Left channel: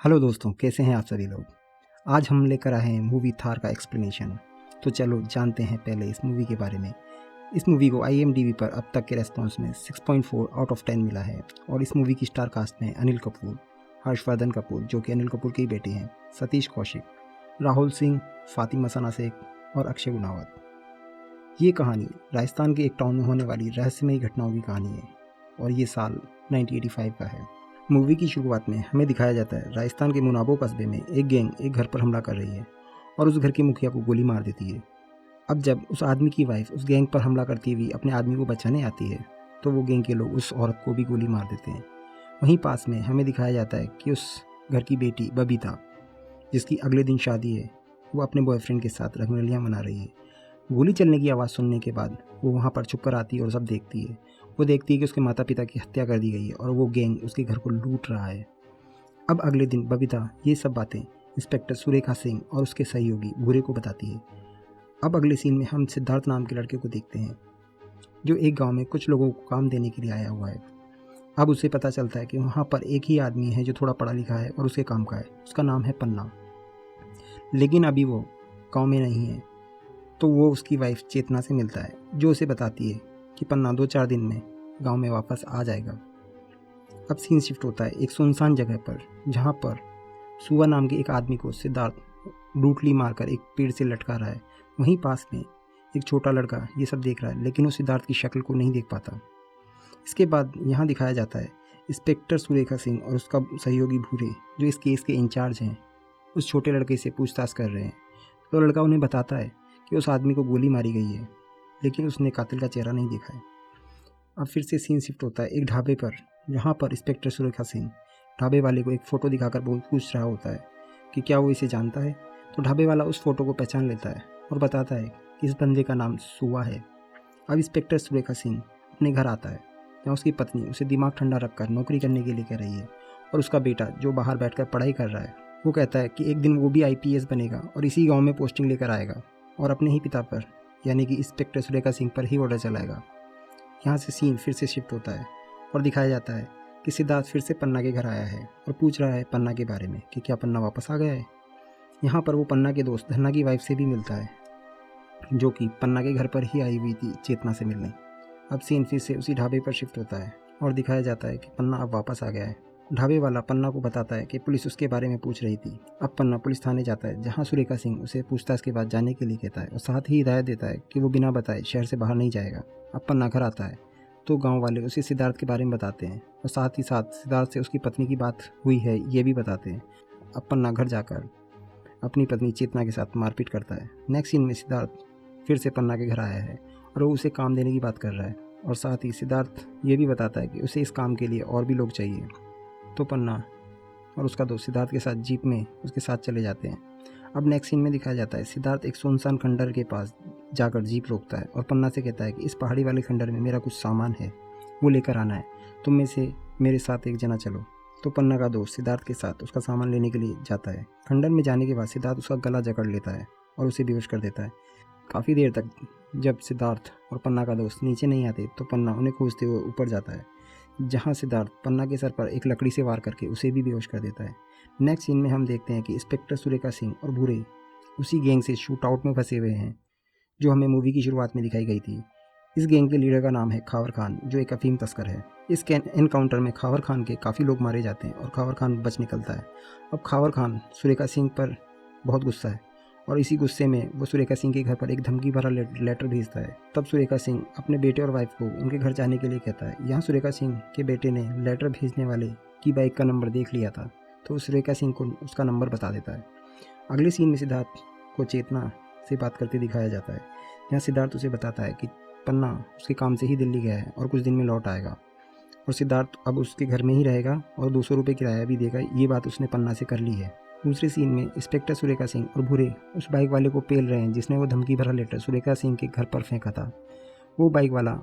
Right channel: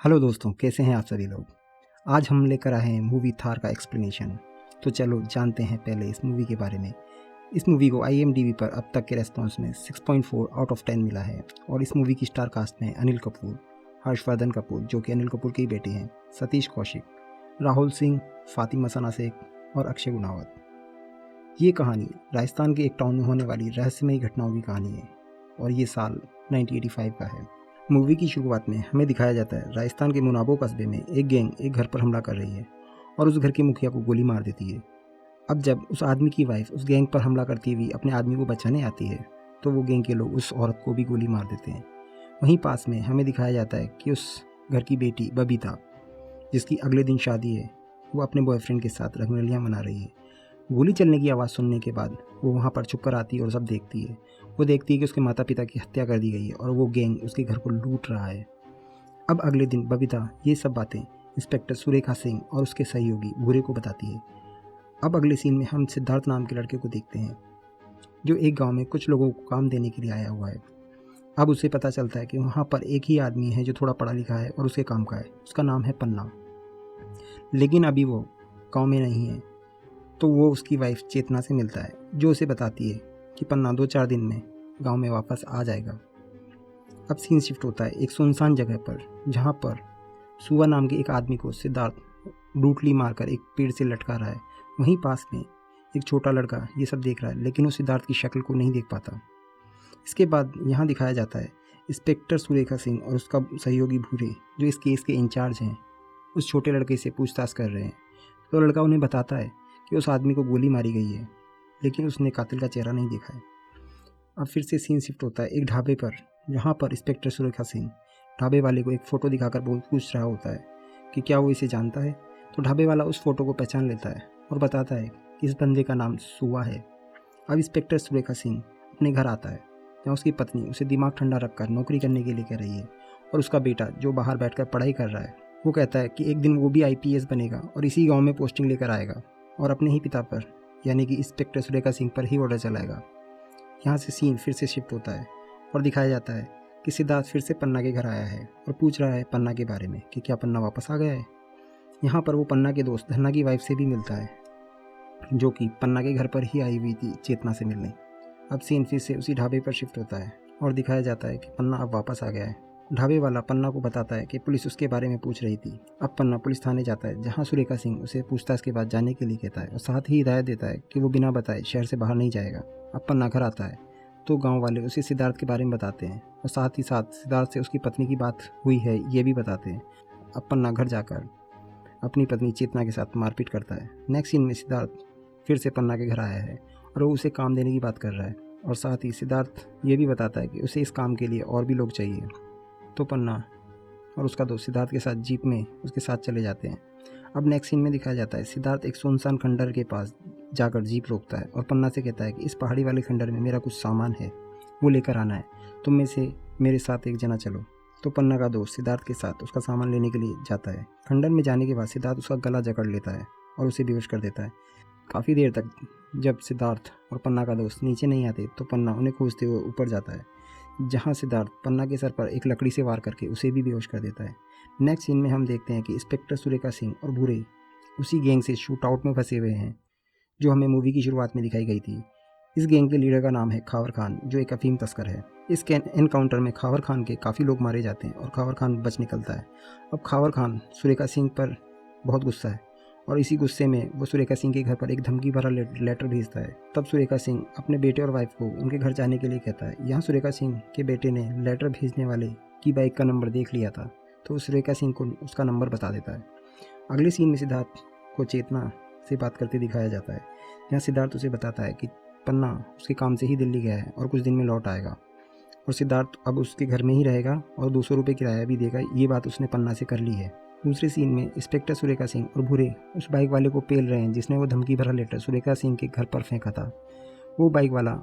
Hello दोस्तों, कैसे हैं आप सभी लोग। आज हम लेकर आए हैं मूवी थार का एक्सप्लेनेशन। तो चलो जानते हैं पहले इस मूवी के बारे में। इस मूवी को IMDb पर अब तक के रेस्पॉन्स में 6.4 आउट ऑफ 10 मिला है। और इस मूवी की स्टार कास्ट में अनिल कपूर, हर्षवर्धन कपूर जो कि अनिल कपूर के ही बेटे हैं, सतीश कौशिक, राहुल सिंह, फातिमा सना शेख और अक्षय गुनावत। ये कहानी राजस्थान के एक टाउन में होने वाली रहस्यमयी घटनाओं की कहानी है और ये साल 1985 का है। मूवी की शुरुआत में हमें दिखाया जाता है राजस्थान के मुनाबो कस्बे में एक गैंग एक घर पर हमला कर रही है और उस घर के मुखिया को गोली मार देती है। अब जब उस आदमी की वाइफ उस गैंग पर हमला करती हुई अपने आदमी को बचाने आती है तो वो गैंग के लोग उस औरत को भी गोली मार देते हैं। वहीं पास में हमें दिखाया जाता है कि उस घर की बेटी बबीता, जिसकी अगले दिन शादी है, वो अपने बॉयफ्रेंड के साथ रंगरलियाँ मना रही है। गोली चलने की आवाज़ सुनने के बाद वो वहाँ पर छुप कर आती है और सब देखती है। वो देखती है कि उसके माता पिता की हत्या कर दी गई है और वो गैंग उसके घर को लूट रहा है। अब अगले दिन बबीता ये सब बातें इंस्पेक्टर सुरेखा सिंह और उसके सहयोगी भूरे को बताती है। अब अगले सीन में हम सिद्धार्थ नाम के लड़के को देखते हैं जो एक गांव में कुछ लोगों को काम देने के लिए आया हुआ है। अब उसे पता चलता है कि वहाँ पर एक ही आदमी है जो थोड़ा पढ़ा लिखा है और उसके काम का है। उसका नाम है पन्ना, लेकिन अभी वो गाँव में नहीं है। तो वो उसकी वाइफ चेतना से मिलता है जो उसे बताती है कि पन्ना 2-4 दिन में गांव में वापस आ जाएगा। अब सीन शिफ्ट होता है एक सुनसान जगह पर जहां पर सुआ नाम के एक आदमी को सिद्धार्थ लूटली मारकर एक पेड़ से लटका रहा है। वहीं पास में एक छोटा लड़का ये सब देख रहा है, लेकिन वो सिद्धार्थ की शक्ल को नहीं देख पाता। इसके बाद यहाँ दिखाया जाता है इंस्पेक्टर सुरेखा सिंह और उसका सहयोगी भूरे जो इस केस के इंचार्ज हैं, उस छोटे लड़के से पूछताछ कर रहे हैं। तो लड़का उन्हें बताता है कि उस आदमी को गोली मारी गई है, लेकिन उसने कातिल का चेहरा नहीं देखा है। अब फिर से सीन शिफ्ट होता है एक ढाबे पर जहाँ पर इंस्पेक्टर सुरेखा सिंह ढाबे वाले को एक फ़ोटो दिखाकर पूछ रहा होता है कि क्या वो इसे जानता है। तो ढाबे वाला उस फ़ोटो को पहचान लेता है और बताता है कि इस बंदे का नाम सुआ है। अब इंस्पेक्टर सुरेखा सिंह अपने घर आता है जहाँ उसकी पत्नी उसे दिमाग ठंडा रखकर नौकरी करने के लिए कह रही है और उसका बेटा जो बाहर बैठकर पढ़ाई कर रहा है वो कहता है कि एक दिन वो भी IPS बनेगा और इसी गाँव में पोस्टिंग लेकर आएगा और अपने ही पिता पर यानी कि इंस्पेक्टर सुरेखा सिंह पर ही ऑर्डर चलाएगा। यहाँ से सीन फिर से शिफ्ट होता है और दिखाया जाता है कि सिद्धार्थ फिर से पन्ना के घर आया है और पूछ रहा है पन्ना के बारे में कि क्या पन्ना वापस आ गया है। यहाँ पर वो पन्ना के दोस्त धन्ना की वाइफ से भी मिलता है जो कि पन्ना के घर पर ही आई हुई थी चेतना से मिलने। अब सीन फिर से उसी ढाबे पर शिफ्ट होता है और दिखाया जाता है कि पन्ना अब वापस आ गया है। ढाबे वाला पन्ना को बताता है कि पुलिस उसके बारे में पूछ रही थी। अब पन्ना पुलिस थाने जाता है जहां सुरेखा सिंह उसे पूछताछ के बाद जाने के लिए कहता है और साथ ही हिदायत देता है कि वो बिना बताए शहर से बाहर नहीं जाएगा। अब पन्ना घर आता है तो गांव वाले उसे सिद्धार्थ के बारे में बताते हैं और साथ ही साथ सिद्धार्थ से उसकी पत्नी की बात हुई है ये भी बताते हैं। अब पन्ना घर जाकर अपनी पत्नी चेतना के साथ मारपीट करता है। नेक्स्ट सीन में सिद्धार्थ फिर से पन्ना के घर आया है और वो उसे काम देने की बात कर रहा है और साथ ही सिद्धार्थ ये भी बताता है कि उसे इस काम के लिए और भी लोग चाहिए। तो पन्ना और उसका दोस्त सिद्धार्थ के साथ जीप में उसके साथ चले जाते हैं। अब नेक्स्ट सीन में दिखाया जाता है सिद्धार्थ एक सुनसान खंडर के पास जाकर जीप रोकता है और पन्ना से कहता है कि इस पहाड़ी वाले खंडर में मेरा कुछ सामान है, वो लेकर आना है, तुम में से मेरे साथ एक जना चलो। तो पन्ना का दोस्त सिद्धार्थ के साथ उसका सामान लेने के लिए जाता है। खंडर में जाने के बाद सिद्धार्थ उसका गला जकड़ लेता है और उसे बेहोश कर देता है। काफ़ी देर तक जब सिद्धार्थ और पन्ना का दोस्त नीचे नहीं आते तो पन्ना उन्हें खोजते हुए ऊपर जाता है जहां सिद्धार्थ पन्ना के सर पर एक लकड़ी से वार करके उसे भी बेहोश कर देता है। नेक्स्ट सीन में हम देखते हैं कि इंस्पेक्टर सुरेखा सिंह और भूरे उसी गैंग से शूट आउट में फंसे हुए हैं जो हमें मूवी की शुरुआत में दिखाई गई थी। इस गैंग के लीडर का नाम है खावर खान जो एक अफीम तस्कर है। इस एनकाउंटर में खावर खान के काफ़ी लोग मारे जाते हैं और खावर खान बच निकलता है। अब खावर खान सुरेखा सिंह पर बहुत गुस्सा है और इसी गुस्से में वो सुरेखा सिंह के घर पर एक धमकी भरा लेटर भेजता है। तब सुरेखा सिंह अपने बेटे और वाइफ को उनके घर जाने के लिए कहता है। यहाँ सुरेखा सिंह के बेटे ने लेटर भेजने वाले की बाइक का नंबर देख लिया था तो सुरेखा सिंह को उसका नंबर बता देता है। अगले सीन में सिद्धार्थ को चेतना से बात करते दिखाया जाता है जहाँ सिद्धार्थ उसे बताता है कि पन्ना उसके काम से ही दिल्ली गया है और कुछ दिन में लौट आएगा और सिद्धार्थ अब उसके घर में ही रहेगा और 200 रुपये किराया भी देगा। ये बात उसने पन्ना से कर ली है। दूसरे सीन में इंस्पेक्टर सुरेखा सिंह और भूरे उस बाइक वाले को पेल रहे हैं जिसने वो धमकी भरा लेटर सुरेखा सिंह के घर पर फेंका था। वो बाइक वाला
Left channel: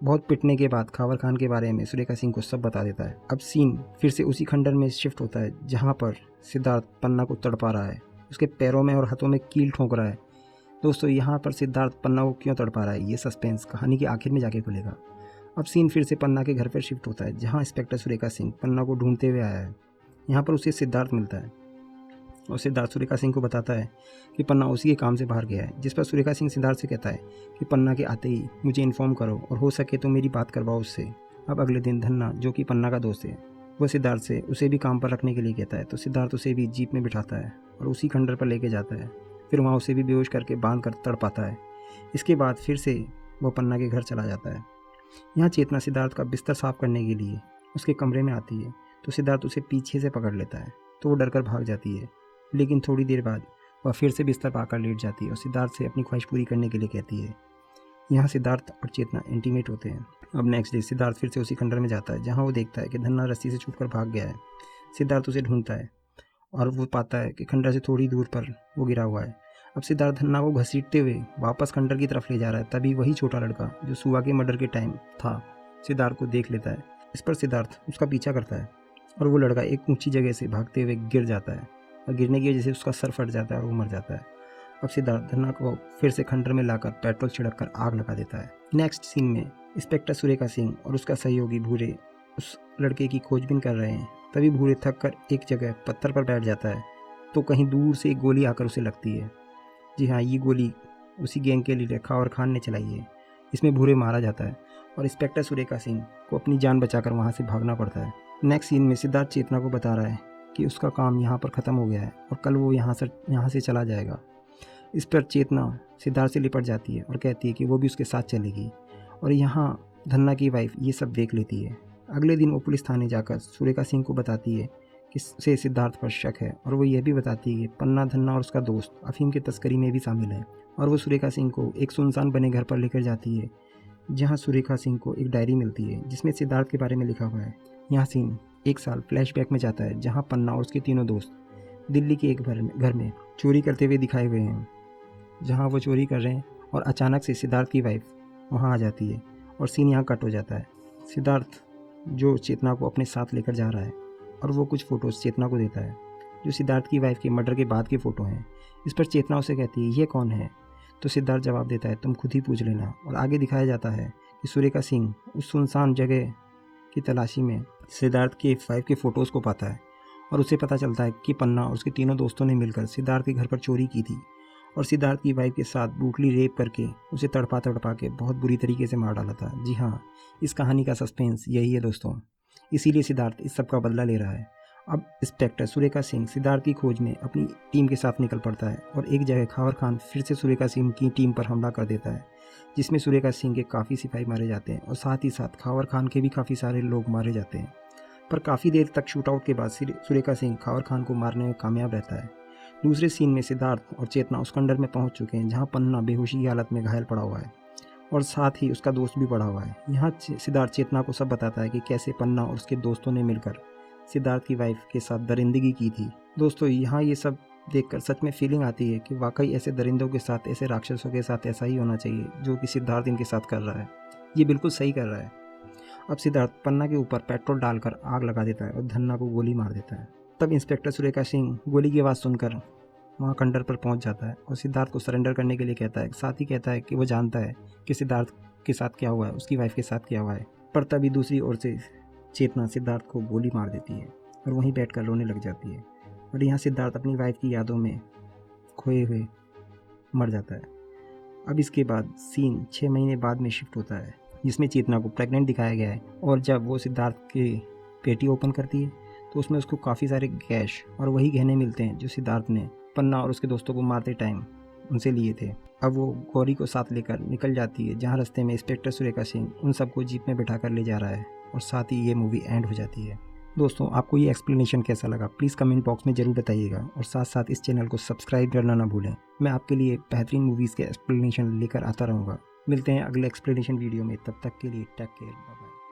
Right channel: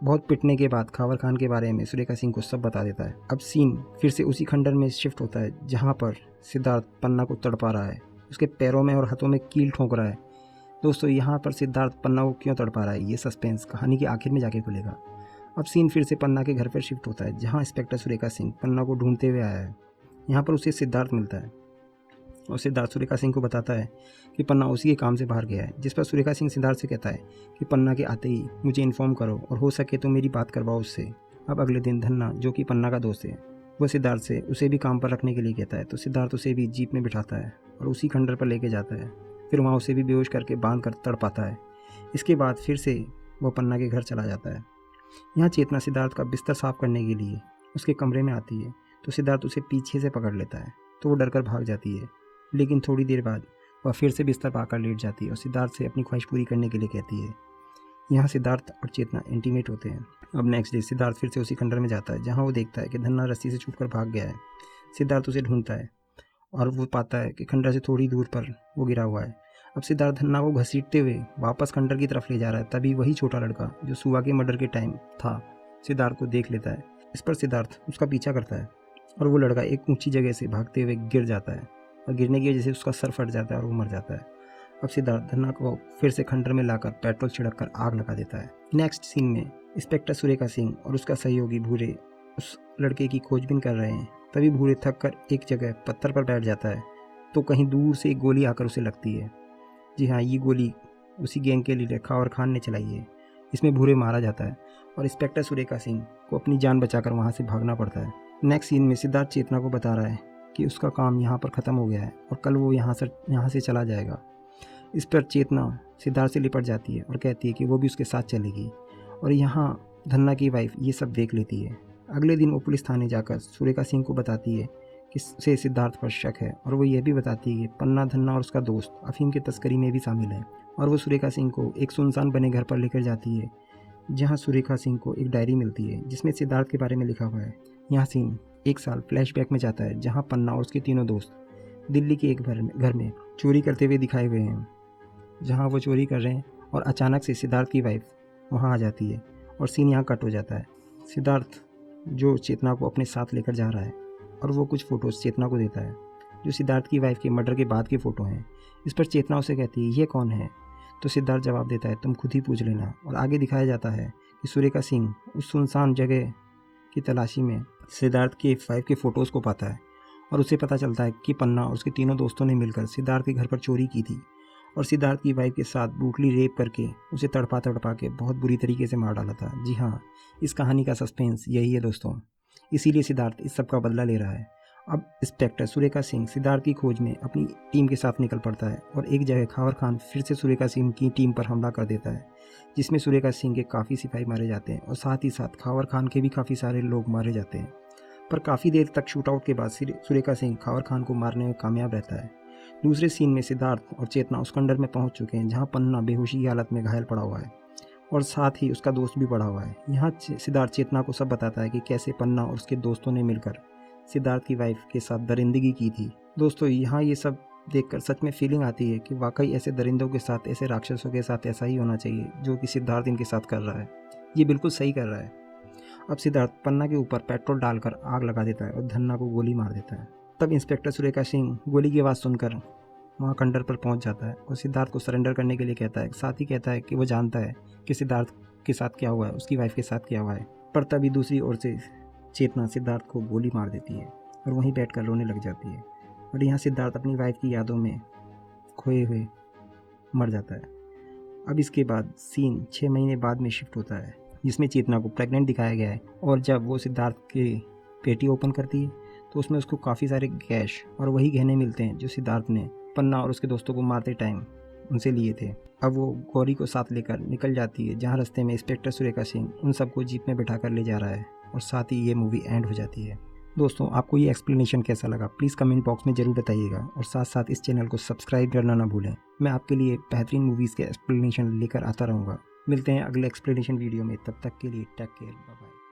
बहुत पिटने के बाद खावर खान के बारे में सुरेखा सिंह को सब बता देता है। अब सीन फिर से उसी खंडर में शिफ्ट होता है जहाँ पर सिद्धार्थ पन्ना को तड़पा रहा है, उसके पैरों में और हाथों में कील ठोंक रहा है। दोस्तों यहाँ पर सिद्धार्थ पन्ना को क्यों तड़पा रहा है ये सस्पेंस कहानी के आखिर में जाके खुलेगा। अब सीन फिर से पन्ना के घर पर शिफ्ट होता है जहाँ इंस्पेक्टर सुरेखा सिंह पन्ना को ढूंढते हुए आया है। यहाँ पर उसे सिद्धार्थ मिलता है और सिद्धार्थ सुरेखा सिंह को बताता है कि पन्ना उसी के काम से बाहर गया है, जिस पर सुरेखा सिंह सिद्धार्थ से कहता है कि पन्ना के आते ही मुझे इन्फॉर्म करो और हो सके तो मेरी बात करवाओ उससे। अब अगले दिन धन्ना, जो कि पन्ना का दोस्त है, वो सिद्धार्थ से उसे भी काम पर रखने के लिए कहता है। तो सिद्धार्थ उसे भी जीप में बिठाता है और उसी खंडर पर लेके जाता है। फिर वहाँ उसे भी बेहोश करके बांध कर तड़पाता है। इसके बाद फिर से वो पन्ना के घर चला जाता है। यहाँ चेतना सिद्धार्थ का बिस्तर साफ करने के लिए उसके कमरे में आती है, तो सिद्धार्थ उसे पीछे से पकड़ लेता है, तो वो डरकर भाग जाती है। लेकिन थोड़ी देर बाद वह फिर से बिस्तर पाकर लेट जाती है और सिद्धार्थ से अपनी ख्वाहिश पूरी करने के लिए कहती है। यहाँ सिद्धार्थ और चेतना इंटीमेट होते हैं। अब नेक्स्ट डे सिद्धार्थ फिर से उसी खंडर में जाता है, जहाँ वो देखता है कि धन्ना रस्सी से छूटकर भाग गया है। सिद्धार्थ उसे ढूंढता है और वो पाता है कि खंडर से थोड़ी दूर पर वो गिरा हुआ है। अब सिद्धार्थ धन्ना को घसीटते हुए वापस खंडर की तरफ ले जा रहा है। तभी वही छोटा लड़का जो सुआ के मर्डर के टाइम था, सिद्धार्थ को देख लेता है। इस पर सिद्धार्थ उसका पीछा करता है और वो लड़का एक ऊंची जगह से भागते हुए गिर जाता है और गिरने की वजह से उसका सर फट जाता है और वो मर जाता है। अब सिद्धार्थ धन्ना को फिर से खंडर में लाकर पेट्रोल छिड़क कर आग लगा देता है। नेक्स्ट सीन में इंस्पेक्टर सुरेखा सिंह और उसका सहयोगी भूरे उस लड़के की खोजबीन कर रहे हैं। तभी भूरे थक कर एक जगह पत्थर पर बैठ जाता है, तो कहीं दूर से एक गोली आकर उसे लगती है। जी हाँ, ये गोली उसी गैंग के लीडर खावर खान ने चलाई है। इसमें भूरे मारा जाता है और इंस्पेक्टर सुरेखा सिंह को अपनी जान बचाकर वहाँ से भागना पड़ता है। नेक्स्ट सीन में सिद्धार्थ चेतना को बता रहा है कि उसका काम यहाँ पर ख़त्म हो गया है और कल वो यहाँ से चला जाएगा। इस पर चेतना सिद्धार्थ से लिपट जाती है और कहती है कि वो भी उसके साथ चलेगी और यहाँ धन्ना की वाइफ ये सब देख लेती है। अगले दिन वो पुलिस थाने जाकर सुरेखा सिंह को बताती है कि उसे सिद्धार्थ पर शक है और वो यह भी बताती है कि पन्ना, धन्ना और उसका दोस्त अफीम की तस्करी में भी शामिल है। और वो सुरेखा सिंह को एक सुनसान बने घर पर लेकर जाती है, जहाँ सुरेखा सिंह को एक डायरी मिलती है जिसमें सिद्धार्थ के बारे में लिखा हुआ है। यहाँ सीन एक साल फ्लैशबैक में जाता है, जहाँ पन्ना और उसके तीनों दोस्त दिल्ली के एक घर में चोरी करते हुए दिखाए हुए हैं, जहाँ वो चोरी कर रहे हैं और अचानक से सिद्धार्थ की वाइफ वहाँ आ जाती है और सीन यहाँ कट हो जाता है। सिद्धार्थ जो चेतना को अपने साथ लेकर जा रहा है और वो कुछ फ़ोटोज़ चेतना को देता है जो सिद्धार्थ की वाइफ के मर्डर के बाद की फ़ोटो हैं। इस पर चेतना उसे कहती है ये कौन है, तो सिद्धार्थ जवाब देता है तुम खुद ही पूछ लेना। और आगे दिखाया जाता है कि सुरेखा सिंह उस सुनसान जगह की तलाशी में सिद्धार्थ की वाइफ के फ़ोटोज़ को पाता है और उसे पता चलता है कि पन्ना और उसके तीनों दोस्तों ने मिलकर सिद्धार्थ के घर पर चोरी की थी और सिद्धार्थ की वाइफ के साथ ब्रूटली रेप करके उसे तड़पा के बहुत बुरी तरीके से मार डाला था। जी हाँ, इस कहानी का सस्पेंस यही है दोस्तों, इसीलिए सिद्धार्थ इस सब का बदला ले रहा है। अब इंस्पेक्टर सुरेखा सिंह सिद्धार्थ की खोज में अपनी टीम के साथ निकल पड़ता है और एक जगह खावर खान फिर से सुरेखा सिंह की टीम पर हमला कर देता है, जिसमें सुरेखा सिंह के काफ़ी सिपाही मारे जाते हैं और साथ ही साथ खावर खान के भी काफ़ी सारे लोग मारे जाते हैं। पर काफ़ी देर तक शूटआउट के बाद सुरेखा सिंह खावर खान को मारने में कामयाब रहता है। दूसरे सीन में सिद्धार्थ और चेतना उस खंडर में पहुंच चुके हैं जहां पन्ना बेहोशी की हालत में घायल पड़ा हुआ है और साथ ही उसका दोस्त भी पड़ा हुआ है। यहाँ सिद्धार्थ चेतना को सब बताता है कि कैसे पन्ना और उसके दोस्तों ने मिलकर सिद्धार्थ की वाइफ के साथ दरिंदगी की थी। दोस्तों, यहाँ ये सब देखकर सच में फीलिंग आती है कि वाकई ऐसे दरिंदों के साथ, ऐसे राक्षसों के साथ ऐसा ही होना चाहिए जो कि सिद्धार्थ इनके साथ कर रहा है। ये बिल्कुल सही कर रहा है। अब सिद्धार्थ पन्ना के ऊपर पेट्रोल डालकर आग लगा देता है और धन्ना को गोली मार देता है। तब इंस्पेक्टर सुरेखा सिंह गोली की आवाज़ सुनकर वहाँ खंडर पर पहुँच जाता है और सिद्धार्थ को सरेंडर करने के लिए कहता है। साथ ही कहता है कि वो जानता है कि सिद्धार्थ के साथ क्या हुआ है, उसकी वाइफ के साथ क्या हुआ है। पर तभी दूसरी ओर से चेतना सिद्धार्थ को गोली मार देती है और वहीं बैठकर रोने लग जाती है और यहाँ सिद्धार्थ अपनी वाइफ की यादों में खोए हुए मर जाता है। अब इसके बाद सीन 6 महीने बाद में शिफ्ट होता है, जिसमें चेतना को प्रेग्नेंट दिखाया गया है और जब वो सिद्धार्थ की पेटी ओपन करती है तो उसमें उसको काफ़ी सारे कैश और वही गहने मिलते हैं जो सिद्धार्थ ने पन्ना और उसके दोस्तों को मारते टाइम उनसे लिए थे। अब वो गौरी को साथ लेकर निकल जाती है, जहाँ रास्ते में इंस्पेक्टर सुरेखा सिंह उन सबको जीप में बैठा कर ले जा रहा है और साथ ही ये मूवी एंड हो जाती है। दोस्तों, आपको ये एक्सप्लेनेशन कैसा लगा प्लीज़ कमेंट बॉक्स में ज़रूर बताइएगा और साथ साथ इस चैनल को सब्सक्राइब करना ना भूलें। मैं आपके लिए बेहतरीन मूवीज़ के एक्सप्लेनेशन लेकर आता रहूँगा। मिलते हैं अगले एक्सप्लेनेशन वीडियो में, तब तक के लिए टेक केयर।